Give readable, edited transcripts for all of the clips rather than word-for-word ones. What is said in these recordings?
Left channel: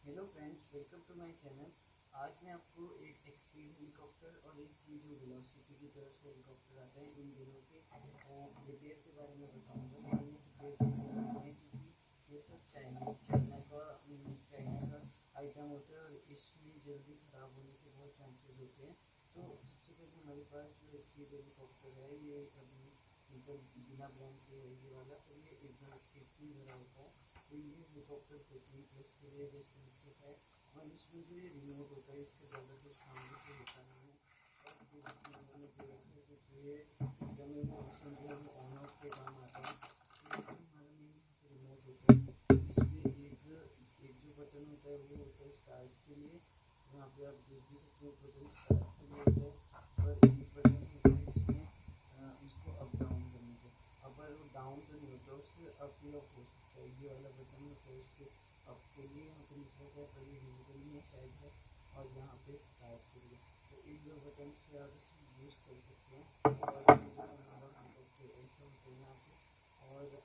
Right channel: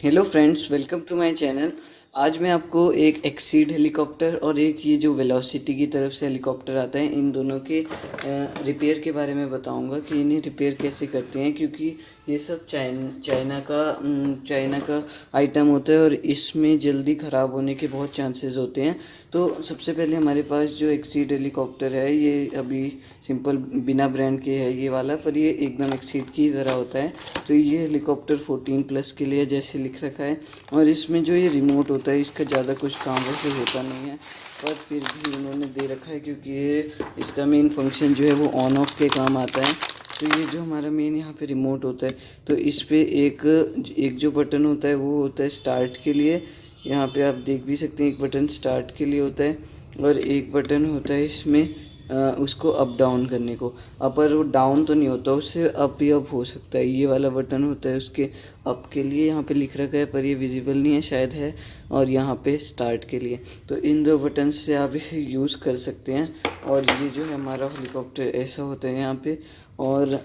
Hello friends, welcome to my channel. आज मैं आपको एक एक्सीड हेलीकॉप्टर और एक ये जो वेलोसिटी की तरफ से हेलीकॉप्टर आता है, इन दोनों के रिपेयर के बारे में बताऊंगा कि इन्हें रिपेयर कैसे करते हैं, क्योंकि ये सब चाइना का आइटम होता है और इसमें जल्दी ख़राब होने के बहुत चांसेस होते हैं। तो सबसे पहले हमारे पास जो एक्सीड हेलीकॉप्टर है, ये अभी सिंपल बिना ब्रांड के है ये वाला, पर ये एकदम एक्सीड की तरह होता है। तो ये हेलीकॉप्टर 14+ के लिए जैसे लिख रखा है, और इसमें जो ये रिमोट होता है इसका ज़्यादा कुछ काम वैसे होता नहीं है, पर फिर भी उन्होंने दे रखा है क्योंकि ये इसका मेन फंक्शन जो है वो ऑन ऑफ के काम आता है। तो ये जो हमारा मेन यहाँ पे रिमोट होता है, तो इस पे एक एक जो बटन होता है वो होता है स्टार्ट के लिए। यहाँ पे आप देख भी सकते हैं, एक बटन स्टार्ट के लिए होता है और एक बटन होता है इसमें उसको अप डाउन करने को। पर वो डाउन तो नहीं होता, उससे अप ही अप हो सकता है। ये वाला बटन होता है उसके अप के लिए, यहाँ पे लिख रखा है पर ये विजिबल नहीं है, शायद है। और यहाँ पे स्टार्ट के लिए, तो इन दो बटन से आप इसे यूज़ कर सकते हैं। और ये जो है हमारा हेलीकॉप्टर ऐसा होता है यहाँ पे। और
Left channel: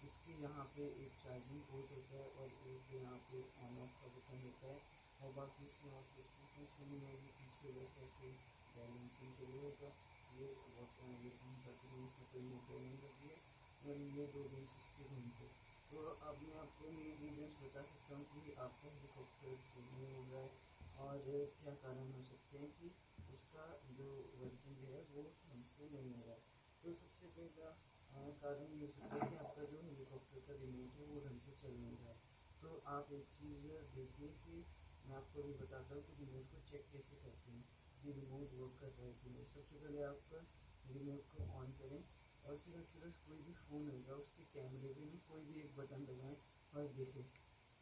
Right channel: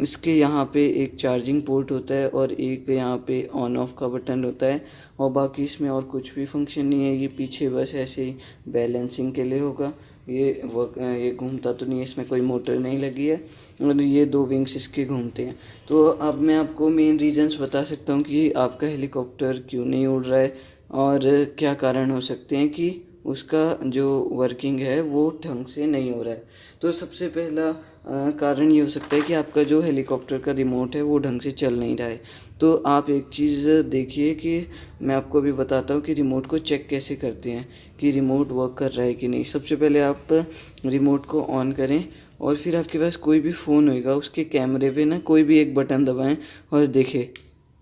इसके यहाँ पे एक चार्जिंग पोर्ट होता है और एक यहाँ पे ऑन ऑफ का बटन होता है। और बाकी इसमें और कुछ भी फंक्शन नहीं है। ये पीछे बस ऐसे ही बैलेंसिंग के लिए होगा। ये घूमता तो नहीं है, इसमें कोई मोटर नहीं लगी है, और ये दो विंग्स इसके घूमते हैं। तो अब मैं आपको मेन रीजंस बता सकता हूँ कि आपका हेलीकॉप्टर क्यों नहीं उड़ रहा है और क्या कारण हो सकते हैं कि उसका जो वर्किंग है वो ढंग से नहीं हो रहा है। तो सबसे पहला कारण ये हो सकता है कि आपका जो हेलीकॉप्टर का रिमोट है वो ढंग से चल नहीं रहा है। तो आप एक चीज़ देखिए कि मैं आपको अभी बताता हूँ कि रिमोट को चेक कैसे करते हैं कि रिमोट वर्क कर रहा है कि नहीं। सबसे पहले आप रिमोट को ऑन करें और फिर आपके पास कोई भी फ़ोन होएगा उसके कैमरे पे ना कोई भी एक बटन दबाएं और देखें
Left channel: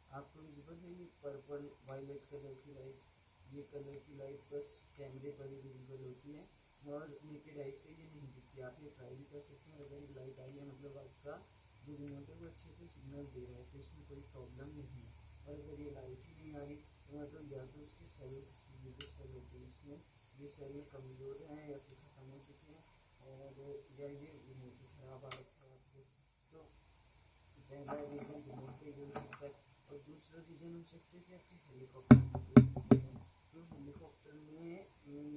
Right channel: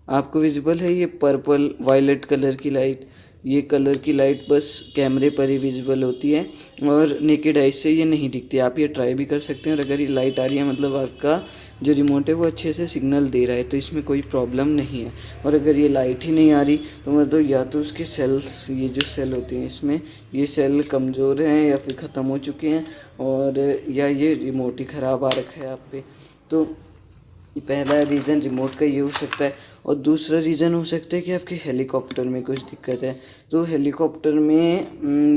आपको विजिबल है ये पर्पल वायलेट कलर की लाइट। ये कलर की लाइट बस कैमरे पर ही विजिबल होती है और नेकेड आई से ये नहीं दिखती। आप ये ट्राई भी कर सकते हैं और अगर ये लाइट आ रही है मतलब आपका जो रिमोट है वो अच्छे से सिग्नल दे रहा है, तो इसमें कोई प्रॉब्लम नहीं है। और अगर ये लाइट ही नहीं आ रही तो मतलब या तो उसके सेल्स, ये जो सेल होते हैं इसमें, ये सेल कमज़ोर हैं या फिर ख़त्म हो चुके हैं, और या ये रिमोट ही ख़राब आ रखा है आप पे। तो पहला रीज़न रिमोट का ये हो सकता है। और दूसरा रीज़न हो सकता है कि आपके हेलीकॉप्टर में कुछ दिक्कत है। तो हेलीकॉप्टर में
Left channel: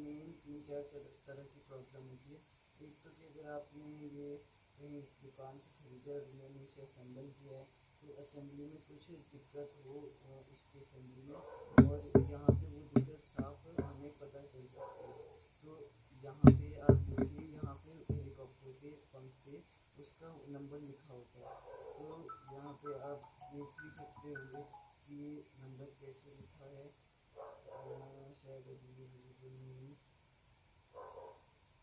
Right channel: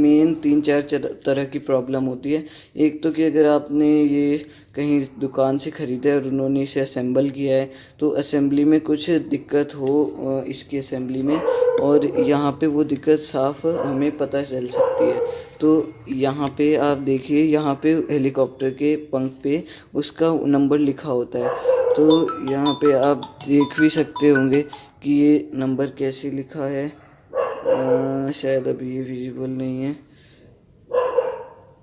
मेन 3-4 तरह की प्रॉब्लम होती है। एक तो कि अगर आपने ये कहीं दुकान से ख़रीदा है और उन्होंने इसे असेंबल किया है, तो असेंबली में कुछ दिक्कत हो इसकी असेंबली में, और यहाँ पे वो दिक्कत साफ हमें पता चल सकती है। तो यहाँ पे आप देखिए, यहाँ पे हेलीकॉप्टर के पंख पे उसका नंबर लिखा होता है। तो यहाँ पे आप देख भी सकते होंगे कि ये नंबर कैसे लिखा है। शायद अभी ये विजिबल नहीं है।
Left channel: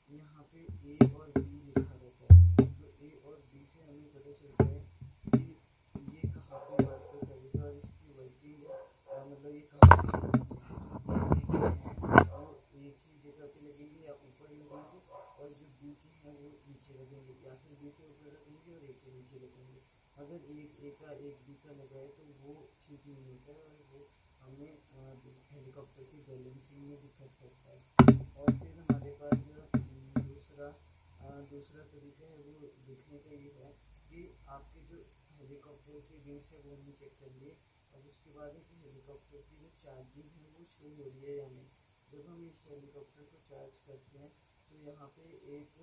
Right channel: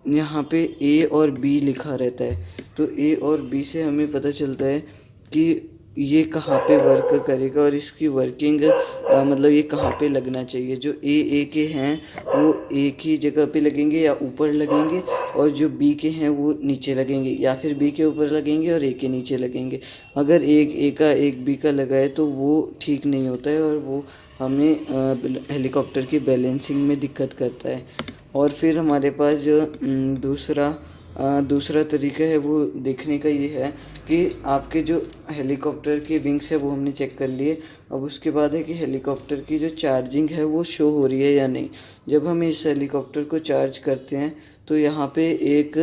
यहाँ पे ए और बी लिखा रहता है, तो ए और बी से हमें पता चलता है कि ये कहाँ पे वर्क करेगा और इसकी वर्किंग मतलब ये कहाँ पे लगना चाहिए। जो ए के हैं वो एक ही जगह पे लगेंगे या ऊपर लगेंगे, और जो बी के हैं वो नीचे लगेंगे, या फिर बी के ऊपर लगेंगे और ए के नीचे लगेंगे। अगर एक ए का एक बी का लगा है तो वो ठीक नहीं होता है और वो हमें हेलीकॉप्टर की बैलेंसिंग में दिक्कत करता है। और फिर हमारे पास जो दूसरा तरीका है वो देखने का ये है कि आपके जो हेलीकॉप्टर के विंग्स है वो हमने चेक कर लिए। अब उसके बाद है कि हेलीकॉप्टर की जो चार्जिंग है वो शो हो रही है या नहीं। जब हम इस हेलीकॉप्टर को चार्ज करते हैं तो यहाँ पे एक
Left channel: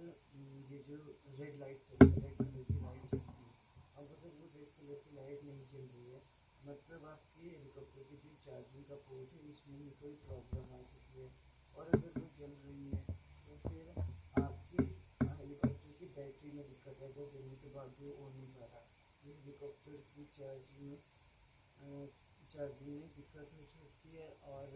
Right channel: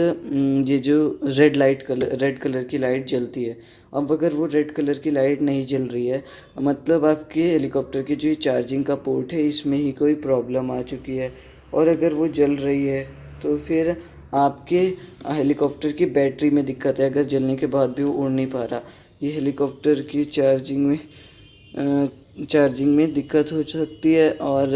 ये जो रेड कलर की लाइट जलती है। अब अगर वो रेड कलर की लाइट नहीं जल रही है, मतलब आपके हेलीकॉप्टर की जो चार्जिंग का पोर्ट है इसमें ही कोई प्रॉब्लम आ चुकी है। और अगर वो जल रही है तो फिर आपके हेलीकॉप्टर की बैटरी में दिक्कत है, अगर जलने के बाद भी वो उड़ नहीं पा रहा। ये हेलीकॉप्टर की चार्जिंग में दिक्कत हो सकती है। और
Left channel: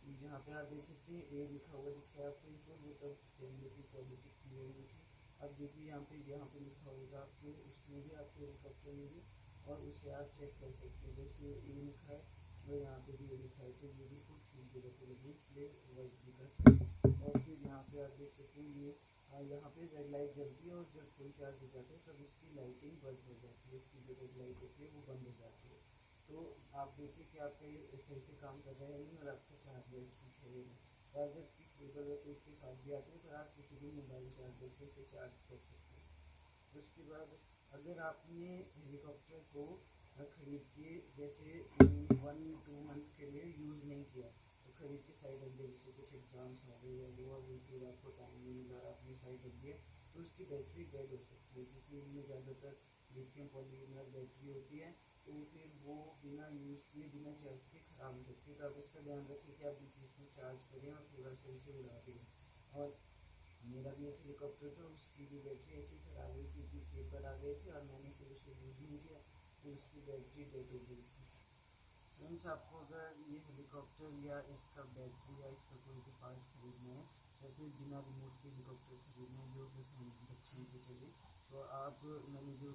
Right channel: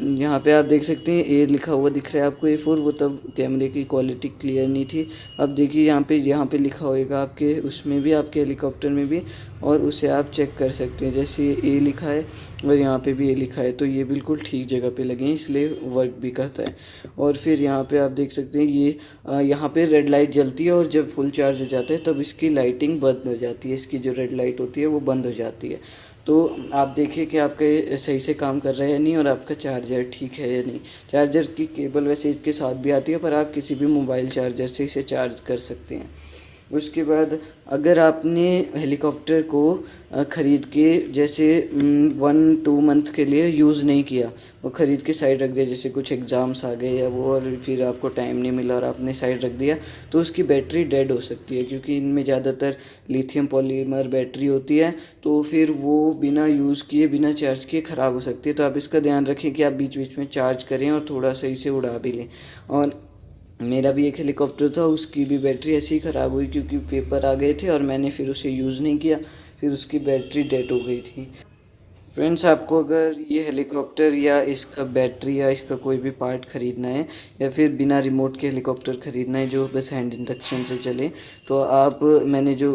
यहाँ पे आप देख सकते हैं ए लिखा हुआ दिख रहा है आपको, A4, वो तब कैमरे की क्वालिटी क्लियर नहीं थी। अब देखिए यहाँ पे लिखा होएगा आपके उसमें भी, आपके हेलीकॉप्टर में भी, और उसे आप चेक कर सकते हैं। जैसे ए लिखा है और यहाँ पे भी ए लिखा है, तो ये बिल्कुल ठीक जगह पे लगे हैं, इसलिए वर्क भी करता है। और फिर यहाँ पे आप देख सकते हैं ये यहाँ पे रेड लाइट जलती है और जब फुल चार्ज हो जाता है तब इसकी लाइटिंग बंद हो जाती है। इसकी जो रेड लाइट होती है वो बंद हो जाती है। तो आप देखिए कि आपका ये सही से काम कर रहा है या नहीं, और आपका चार्जर ठीक है या नहीं। चार्जर की केबल वैसे इसके साथ भी आती है, पर आप किसी भी मोबाइल चार्जर से इसे चार्ज कर सकते हैं। उसके बाद अगर आपने हेलीकॉप्टर को ख़रीद के जैसे 1-2 मंथ के लिए यूज़ नहीं किया, वो ख़रीद के साइड रख दिया, जैसे कुछ एग्ज़ाम्स आ गए या वो, और फिर आपको टाइम नहीं मिला और आपने साइड रख दिया, तो उसकी बैटरी डेड हो सकती है, क्योंकि इनमें ज़्यादातर लिथियम पॉलीमर बैटरी होती है। तो फिर वो बिना यूज़ किए, बिना चार्ज किए ख़राब हो सकती है। तो आप इसका ध्यान रखें कि आप बीच बीच में चार्ज करें और थोड़ा सही से उड़ा भी लें। और मेरा भी एक हेलीकॉप्टर था, उसकी भी बैटरी ऐसे ही ख़राब हुई, क्योंकि पेपर आ गए थे और मैंने फिर उसे यूज़ नहीं किया, फिर उसकी बैटरी डेड हो गई थी। फ्रेंड्स, आपको अगर ये हेलीकॉप्टर या इसका बैटरी या इसका कोई भी पार्ट ख़रीदना है, या फिर बिना रिमोट के हेलीकॉप्टर ख़रीदना है जो बस हैंड इंडक्शन से चले, तो आप, मैंने जो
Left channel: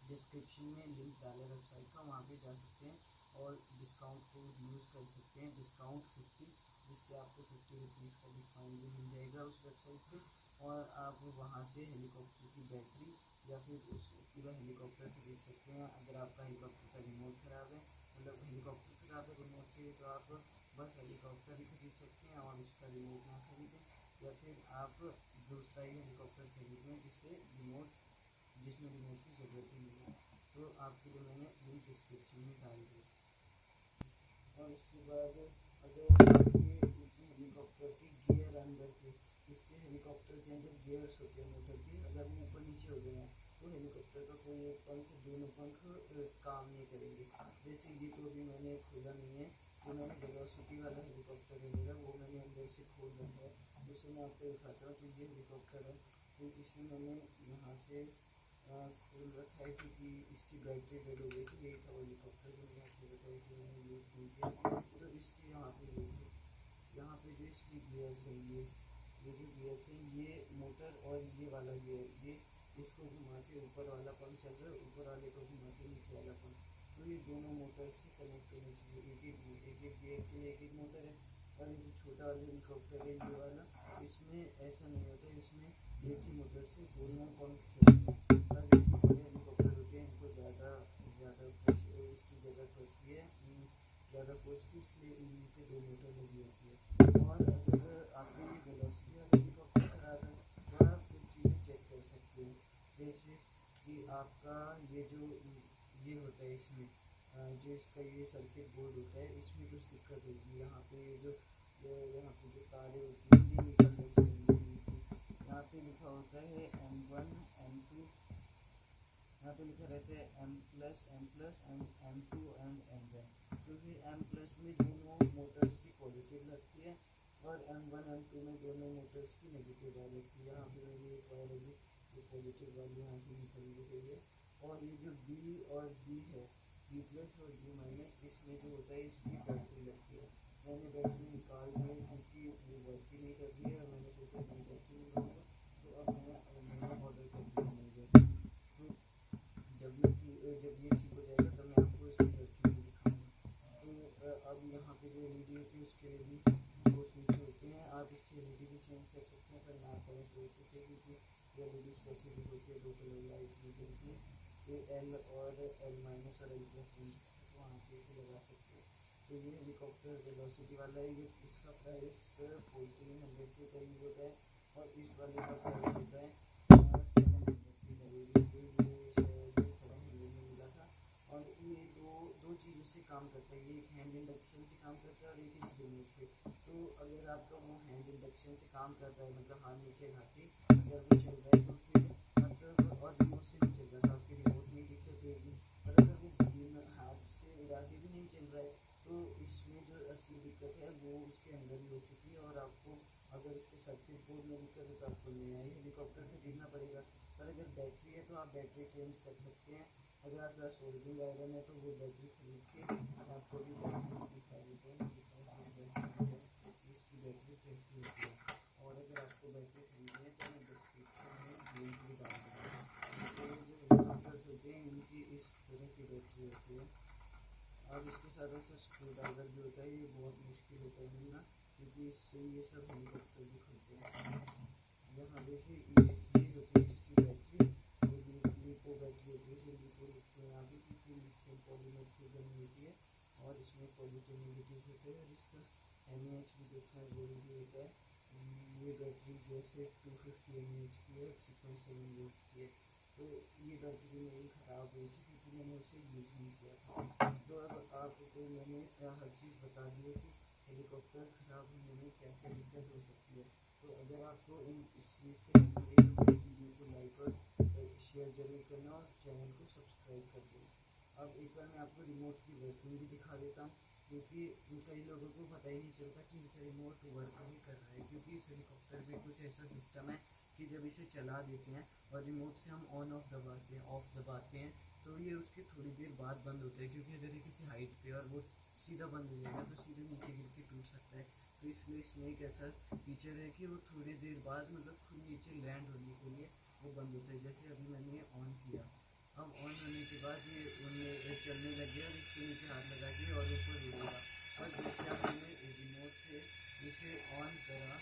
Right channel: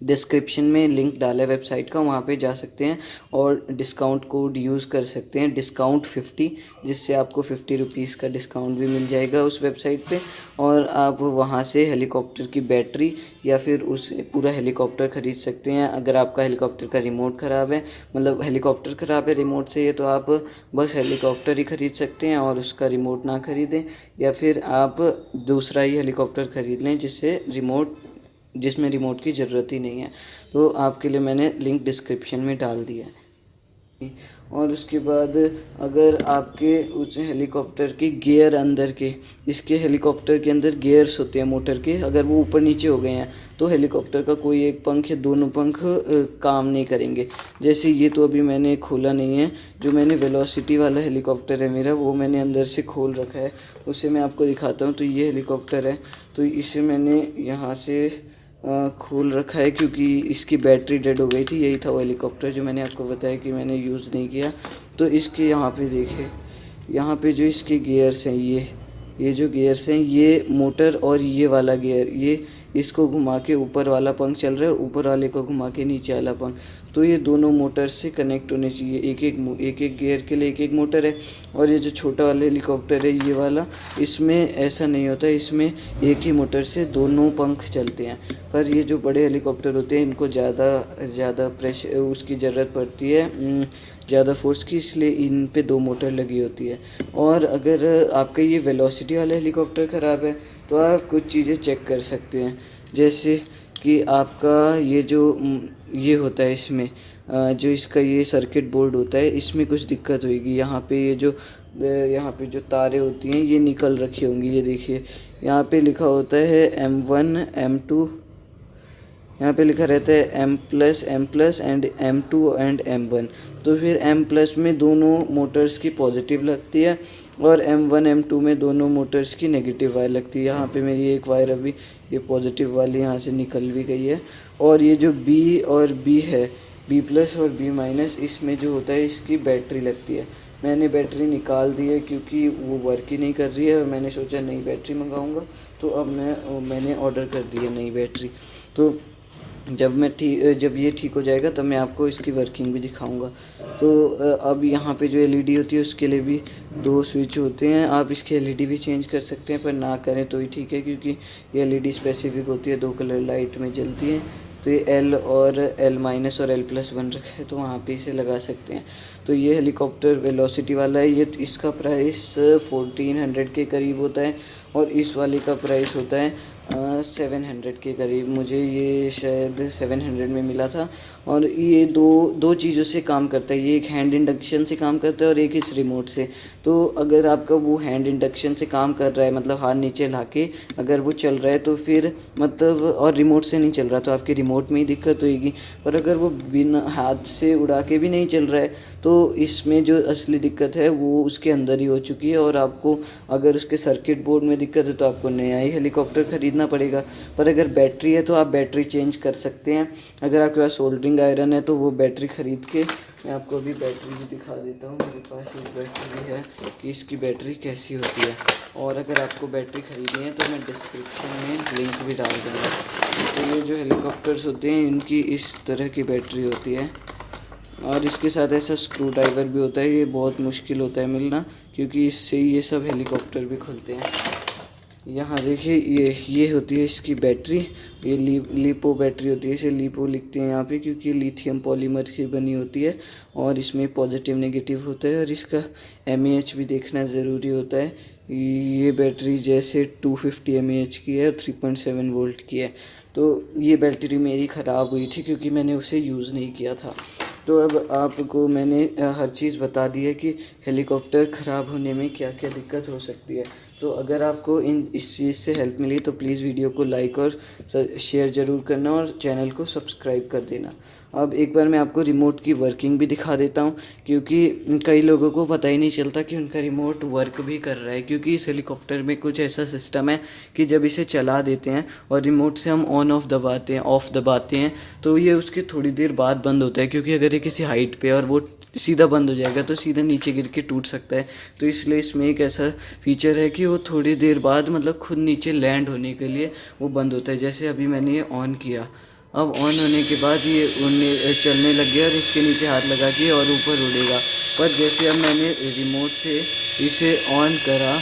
डिस्क्रिप्शन में लिंक डाला है वेबसाइट का, वहाँ पे जा सकते हैं और डिस्काउंट कोड यूज़ कर सकते हैं, डिस्काउंट 50, जिससे आपको 50 रुपीज़ का डिस्काउंट भी मिल जाएगा उस वेबसाइट पे। और आप वहाँ से हेलीकॉप्टर की बैटरी या फिर उस पूरा हेलीकॉप्टर ख़रीद सकते हैं। अगर आपका हेलीकॉप्टर का रिमोट ख़राब है, मतलब हेलीकॉप्टर ख़राब है रिमोट से, तो आप बस हेलीकॉप्टर ही ख़रीद सकते हैं और उसका रिमोट ना ख़रीदें, या फिर आप दूसरा ही हेलीकॉप्टर ख़रीद लें जिसमें रिमोट की ज़रूरत ही नहीं है। तो आपके लिए मैंने लिंक डिस्क्रिप्शन में डाल दिया है। और उसके बाद अगर आपके उस हेलीकॉप्टर के गियर अंदर के, इसके हेलीकॉप्टर के अंदर गियर्स होते हैं मोटर के, अगर वो ऊपर नीचे हो गए हैं, तो हेलीकॉप्टर का कोई एक पंख या दोनों पंख काम नहीं करेंगे। जैसे ये तो अभी मैंने खोला नहीं है, जो मैंने वेलोसिटी वाला हेलीकॉप्टर है मेरा, वो मैंने अंदर से खोल रखा है, उसे मैं आपको दिखाता हूँ। तो ये हेलीकॉप्टर है, तो इसे मैंने यहाँ से खोल रखा है, क्योंकि इसकी बैटरी डेड हो गई थी। यही था वो हेलीकॉप्टर जो मैंने आपको बताया कि मैंने यूज़ नहीं किया। तो इसके यहाँ पे देखिए, यहाँ पे जो इसके गियर्स हैं, ये जो गियर्स हैं, ये मोटर और ये वाला गियर, ये इसको घुमा के ऊपर वाला पंख चल रहा है और ऊपर वाले को घुमा के नीचे वाला पंख। तो ये दोनों मोटर से कनेक्ट होने चाहिए, एक एक गियर के लिए एक एक मोटर है। और ये जो छोटा वाला हेलीकॉप्टर है ये वाला, इसमें ऐसा नहीं होता, इसमें एक ही मोटर से दोनों पंख चलते हैं। पर ये जो बड़े हेलीकॉप्टर होते हैं, इनको ज़्यादा प्रेशर उसकी ज़रूरत पड़ती है, ज़्यादा फोर्स की, इसलिए इन पे 2 मोटर लगी होती है। और अगर आपका ये वेलोसिटी वाला हेलीकॉप्टर ख़राब है, तो आप कुछ चीज़ें चेक कर सकते हैं। जैसे कि आपका ये होता है इसमें, जो इसका ये सर्किट बोर्ड होता है, इसमें कुछ दिक्कत होगी। यहाँ पे जो तारें होती हैं ये निकल रखी होंगी, ये देखिए यहाँ पे लिखा होता है M1 M2, यहाँ पे लिखा रहता है M+ and M2 and M1। तो फिर M+ में दोनों मोटर्स की पॉजिटिव लगती है और M1 M2 में दोनों मोटर्स की नेगेटिव वायर लगती है। यहाँ पे मेरी एक वायर अभी ये पॉजिटिव वाली यहाँ से निकल भी गई है। और ये जो B है, B+ और B-, इसमें जो होता है इसकी बैटरी लगती है। मैंने बैटरी निकाल दी है क्योंकि वो वर्क ही नहीं कर रही है, और मैंने सोचा नई बैटरी मंगाऊंगा, तो अब मैंने ऑर्डर कर दी है नई बैटरी। तो जब ये ठीक हो जाएगा तब मैं आपको इसकी वर्किंग भी दिखाऊंगा। तो अब यहाँ पे जो एलईडी होती है उसके लिए भी 2 स्विच होते हैं। आप इसकी एलईडी भी चेंज कर सकते हैं, पर ना करें तो ही ठीक है, क्योंकि ये एलईडी स्पेसिफिक होती है, 2 कलर लाइट में जलती है। तो ये L और L- और L+ बन रखा है, तो वहाँ पे इसे लगा सकते हैं। तो ये हेलीकॉप्टर वेलोसिटी वाला है, ये इसका प्राइस 1400 के करीब होता है, और इस वाले का प्राइस होता है 700 के करीब। मुझे ये शायद 700 में मिला था। और ये दो चीज़ों से काम करता है, ये एक हैंड इंडक्शन से काम करता है और एक इस रिमोट से। तो अगर आपका वो हैंड इंडक्शन से काम कर रहा है, मतलब हाथ नीचे ला के अगर वो चल रहा है, तो फिर मतलब, और रिमोट से नहीं चल रहा, तो आपकी रिमोट में ही दिक्कत होगी। पर अगर वो बिना हाथ से उड़ा के भी नहीं चल रहा है, तो इसमें जो असली दिक्कत है वो उसके अंदर ही हो चुकी है। और आपको अगर उसके सर्किट बोर्ड में दिक्कत है तो आपको नया ही हेलीकॉप्टर ख़रीदना पड़ेगा। पर अगर बैटरी है तो आप बैटरी चेंज कर सकते हैं। अगर आपके पास सोल्डरिंग आयरन है तो वो बैटरी ख़रीद के, मैं आपको अभी बैटरी भी दिखा देता हूँ, मेरे पास एक बैटरी है कि इसकी बैटरी कैसी होती है। और अगर आपको बैटरी ख़रीदनी है तो मैं डिस्क्रिप्शन में लिंक भी डाल दूँगा। तो ये जो हेलीकॉप्टर्स होते हैं इनकी इस तरह की बैटरी होती है, और इसके साथ ऐसा स्क्रू ड्राइवर भी होता है। ये बहुत मुश्किल होता है मिलना, क्योंकि इससे ये सब हेलीकॉप्टर भी खुलते हैं। यहाँ देखिए, ये होती है इसकी बैटरी, ये लिपो बैटरी होती है, इसे लिपो लिखते हैं यहाँ पे, क्योंकि लिथियम पॉलीमर की बनी होती है और इसमें पॉजिटिव नेगेटिव होता है। और इसका एमएएच भी देखना ज़रूरी होता है ये बैटरी जैसे 250 mAh की है और 3.7 वोल्ट की है। तो ये बैटरी मेरी ख़राब हुई थी क्योंकि मैंने उसे यूज़ नहीं किया था। तो अब आपको मैंने हर चीज़ बता दी है कि हेलीकॉप्टर ख़राब होने में क्या क्या दिक्कत हो सकती है। तो अगर आपको इस चीज़ से हेल्प मिली तो प्लीज़ वीडियो को लाइक और शेयर ज़रूर करना और चैनल को सब्सक्राइब कर देना। अब एक बार मैं आपको रिमोट की वर्किंग भी दिखा देता हूँ, क्योंकि कई लोगों को पता ही नहीं चलता कि उनका रिमोट वर्क भी कर रहा है, क्योंकि इस हेलीकॉप्टर में कुछ ऐसा सिस्टम है कि जब इसे चला देते हैं और रिमोट से हम ऑन ऑफ दबाते हैं तो ये उसके थोड़ी देर बाद बंद होता है, क्योंकि अगर ये किसी हाइट पे और वो सीधा बंद हो जाएगा तो सीधा नीचे गिर के टूट सकता है। तो इसलिए इसमें एक ऐसा फीचर है कि वो थोड़ी देर बाद मतलब खुद नीचे लैंड होने के लिए वो बंद होता है। जैसे अभी मैंने ये ऑन किया, अब ऑन होने के बाद ये उड़ने चलने लग गया और इसके नीचे हाथ लगा के और ऊपर उड़ेगा। पर जैसे अब मैंने रिमोट से इसे ऑन करा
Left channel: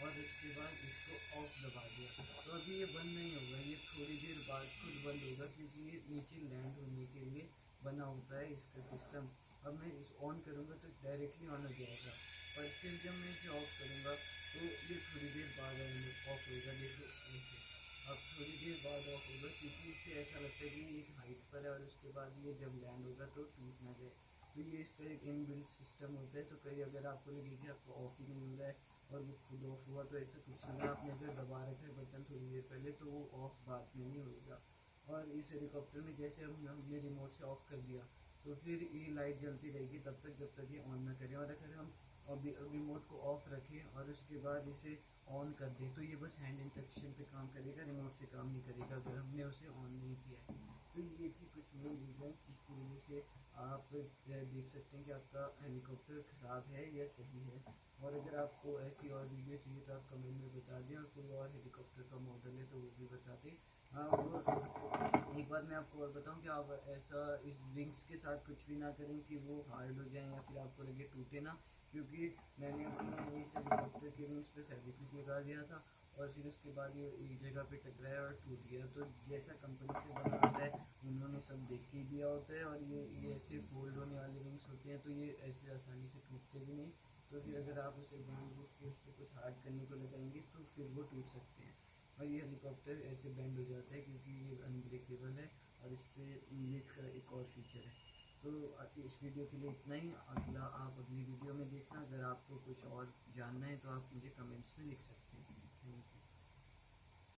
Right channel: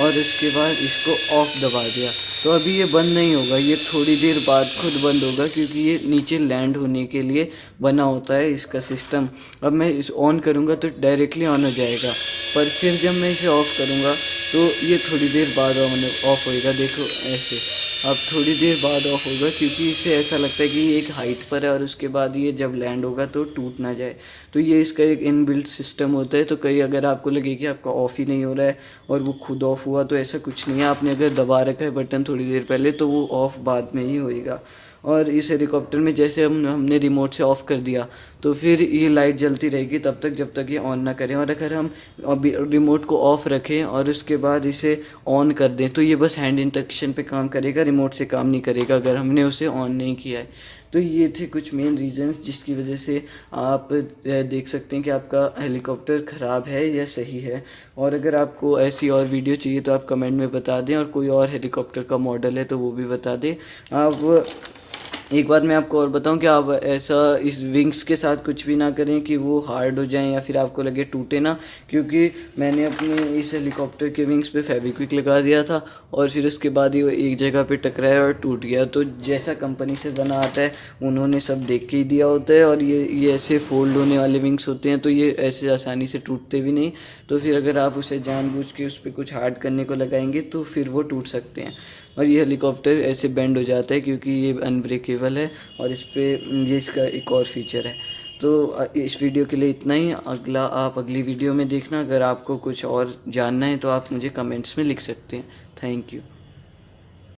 और उसके बाद इसको ऑफ दबा दिया तो अभी ये बंद नहीं होगा, ये थोड़ी देर बाद खुद बंद होगा, क्योंकि ये नीचे लैंड होने के लिए बना होता है इसका सिस्टम। अब मैं इस ऑन करूँगा तो डायरेक्टली ऑन हो जाएगा, पर फिर जब मैं इसे ऑफ़ करूँगा तो ये थोड़ी देर बाद ऑफ होएगा। देखो ऐसे अब थोड़ी देर बाद ऑफ होगा, क्योंकि इसे ऐसा लगता है कि ये एक हाइट पर है और उसके बाद ये जब लैंड होगा तो टूट ना जाए। तो ये इसका एक इनबिल्ट सिस्टम होता है। तो कहीं अगर आपको लगे कि आपका ऑफ़ ही नहीं हो रहा है और वो खुद ऑफ़ हुआ, तो ऐसा कुछ नहीं है। आपने अगर दबा रखा है बटन थोड़ी देर पहले तो वो ऑफ़ बाद में ही होएगा। और इस हेलीकॉप्टर में जैसे हमने रिमोट से ऑफ़ कर दिया तो फिर ये लाइट जलती रहेगी तब तक जब तक ये ऑन ना करें। और अगर हम अभी रिमोट को ऑफ़ रखें और उसके बाद इसे ऑन कर दें तो ये बस हैंड इंस्ट्रक्शन पे काम करेगा, रिमोट से काम नहीं करेगा अगर हमने उसे ऑन नहीं किया है। तो ये थे कुछ मेन रीज़न्स जिसकी वजह से आप देख सकते हैं कि आपका हेलीकॉप्टर ख़राब है या सही है। और अगर आपको ऐसी और वीडियो चाहिए तो आप कमेंट में बता दें, और कोई और हेलीकॉप्टर का मॉडल है तो वो भी बता दें। आप एक बात मैं आपको और बताऊं कि आप ऐसा इस विंग्स के साथ कुछ भी ना करें कि वो हार्ड हो जाएं या फिर आपको लगे टूटे ना, क्योंकि मैंने अपने इस हेलीकॉप्टर के विंग्स पे फेविक्विक लगा दिया था और फिर उसके बाद ही वो एक जगह पे टकराया और टूट गया। तो जैसा कंपनी से बना आता है उन्होंने सब देख के ही दिया होता है, और ये ऐसे फोल्ड होने वाले विंग्स होते हैं तो ये ऐसे आसानी से टूटते भी नहीं। तो फिर अगर आप उसे जानबूझ के उस पर कुछ हार्ड करने को लगाएंगे तो फिर वो टूट सकते हैं। और ये हेलीकॉप्टर ऐसे बेंड हो जाता है क्योंकि ये अनब्रेकेबल है, और इस पर ये इसका एक और फीचर है। तो इस वीडियो के लिए इतना ही। आप अगली वीडियो में देखना। अगर आपको कुछ और जानना है तो आप मुझे कमेंट्स में लिख सकते हैं। Thank you.